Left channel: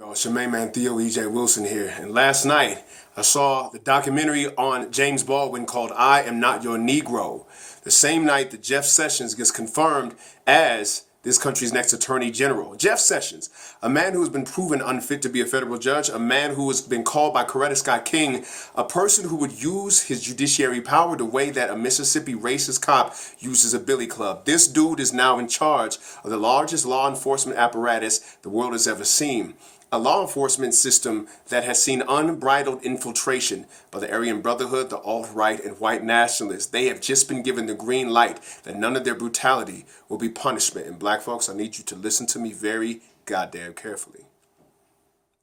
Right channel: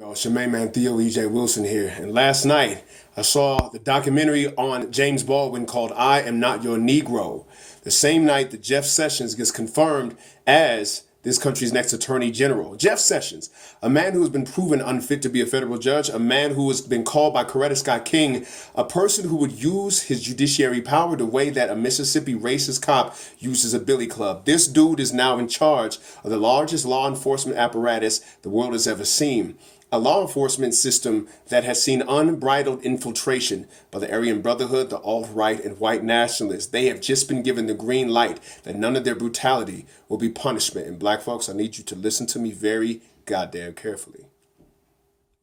Oh, it's your main man Theo E.J. Wilson here. And last night, I saw the documentary on James Baldwin called I Am Not Your Negro. The same night that Jeff Sessions gets confirmed as this country's next attorney general. Jeff Sessions, a man who has been proven unfit to be a federal judge, a man who has been called by Coretta Scott King, a person who would use his judiciary power the way that a Mississippi racist cop uses a billy club. This dude is now in charge of the largest law enforcement apparatus the world has ever seen. A law enforcement system that has seen unbridled infiltration by the Aryan Brotherhood, the alt-right, and white nationalists. They have just been given the green light that none of their brutality will be punishment. And black folks, I need you to listen to me very goddamn carefully.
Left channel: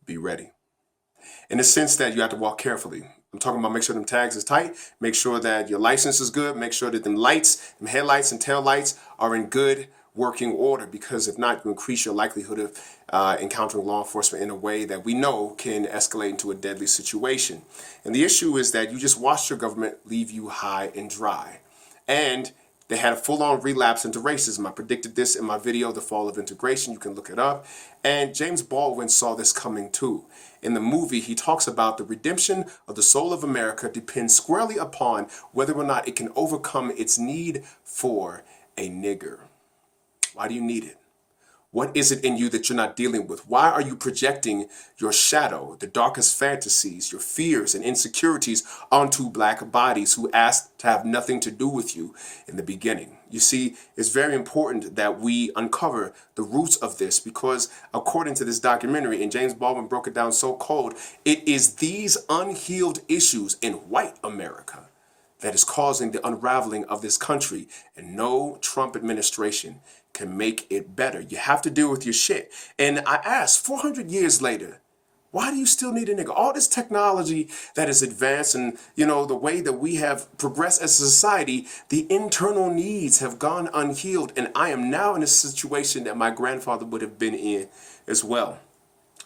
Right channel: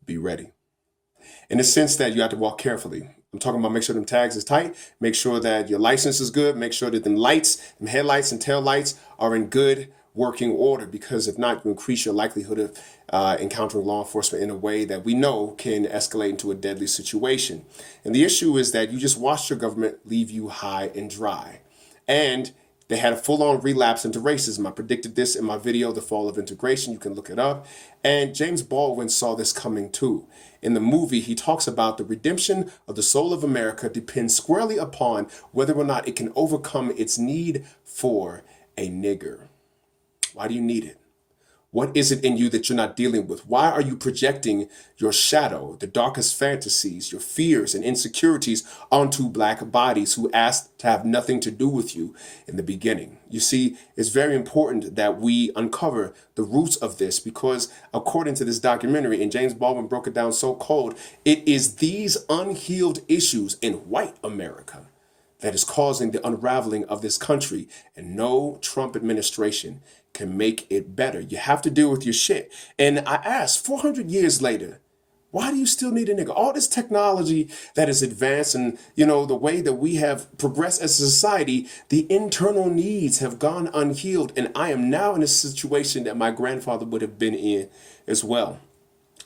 Be ready. In the sense that you have to walk carefully. I'm talking about make sure them tags is tight, make sure that your license is good, make sure that them lights, them headlights and tail lights are in good working order, because if not, you increase your likelihood of encountering law enforcement in a way that we know can escalate into a deadly situation. And the issue is that you just watched your government leave you high and dry. And they had a full-on relapse into racism. I predicted this in my video, The Fall of Integration. You can look it up. And James Baldwin saw this coming too. In the movie, he talks about the redemption of the soul of America depends squarely upon whether or not it can overcome its need for a nigger. Why do you need it? What is it in you that you're not dealing with? Why are you projecting your shadow, the darkest fantasies, your fears and insecurities onto black bodies who asked to have nothing to do with you in the beginning? You see, it's very important that we uncover the roots of this, because according to this documentary, and James Baldwin broke it down so cold, it is these unhealed issues in white America that is causing the unraveling of this country, and no Trump administration can make it better. You have to deal with your shit. And I ask, 400 years later, why do you still need a nigga? All this technology that is advanced, and the way that we have progressed as a society, the internal needs have gone unhealed. And I am now in a situation that my grandfather would have been in as well.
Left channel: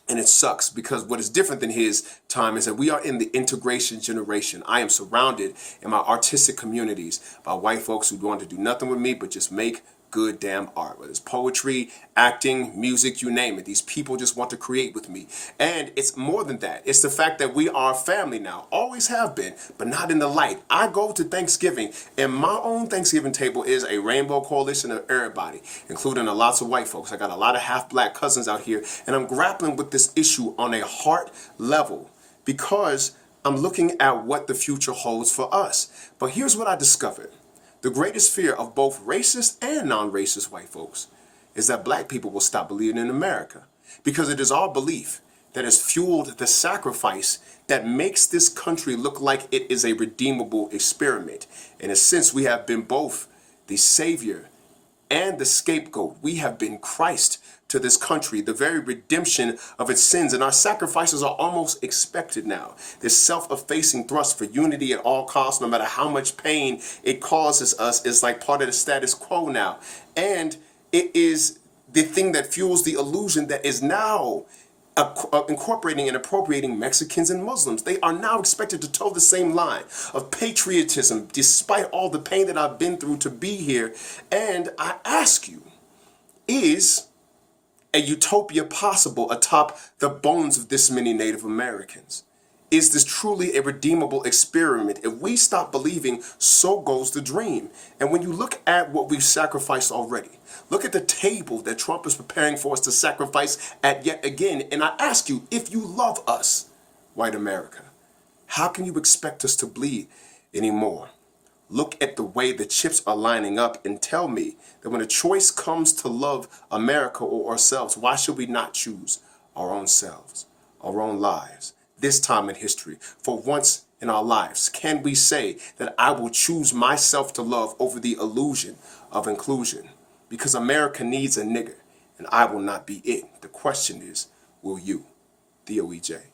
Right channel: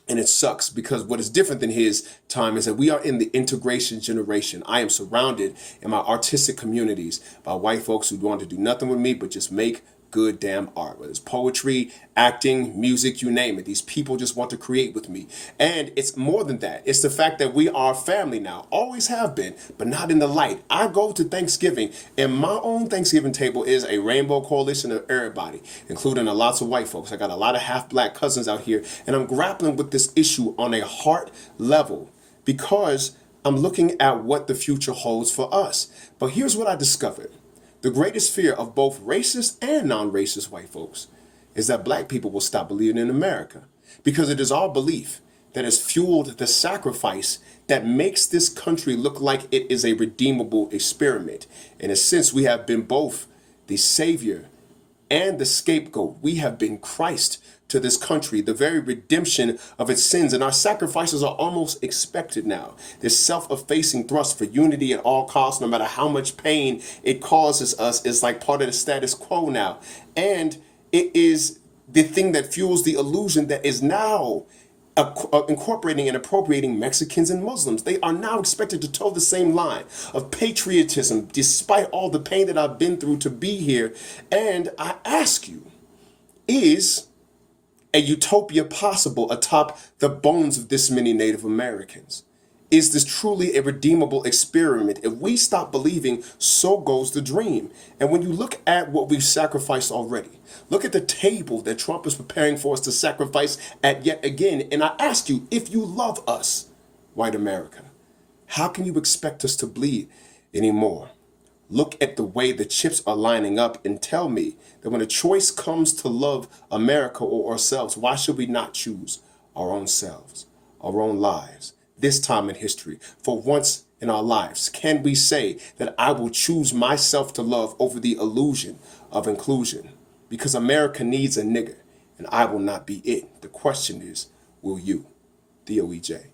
And it sucks, because what is different than his time is that we are in the integration generation. I am surrounded in my artistic communities by white folks who want to do nothing with me but just make good damn art, whether it's poetry, acting, music, you name it. These people just want to create with me. And it's more than that. It's the fact that we are family now, always have been, but not in the light. I go to Thanksgiving, and my own Thanksgiving table is a rainbow coalition of everybody, including lots of white folks. I got a lot of half-black cousins out here, and I'm grappling with this issue on a heart level, because I'm looking at what the future holds for us. But here's what I discovered. The greatest fear of both racist and non-racist white folks is that black people will stop believing in America, because it is our belief that has fueled the sacrifice that makes this country look like it is a redeemable experiment. In a sense, we have been both the savior and the scapegoat. We have been Christ to this country, the very redemption of its sins, and our sacrifices are almost expected now. This self-effacing thrust for unity at all costs, no matter how much pain it causes us, is like part of the status quo now. And it is the thing that fuels the illusion that is now incorporating and appropriating Mexicans and Muslims. They are now expected to toe the same line of patriotism, despite all the pain that I've been through to be here. And I ask you, is a utopia possible atop the bones of this many Native Americans? Is this truly a redeemable experiment? If we stop believing, so goes the dream. And when you look at what we've sacrificed already, look at the table that Trump is preparing for us to sacrifice at yet again. And I ask you, if you love us, white America, how can you expect us to bleed anymore? Look at the way the chips are lining up and tell me that when a choice comes to love America or ourselves, why should we not choose our own selves, our own lives? This time in history, for once in our lives, can we say that I will choose myself to love over the illusion of inclusion? Because America needs a nigger, and I will not be it. The question is, will you? Theo E.J.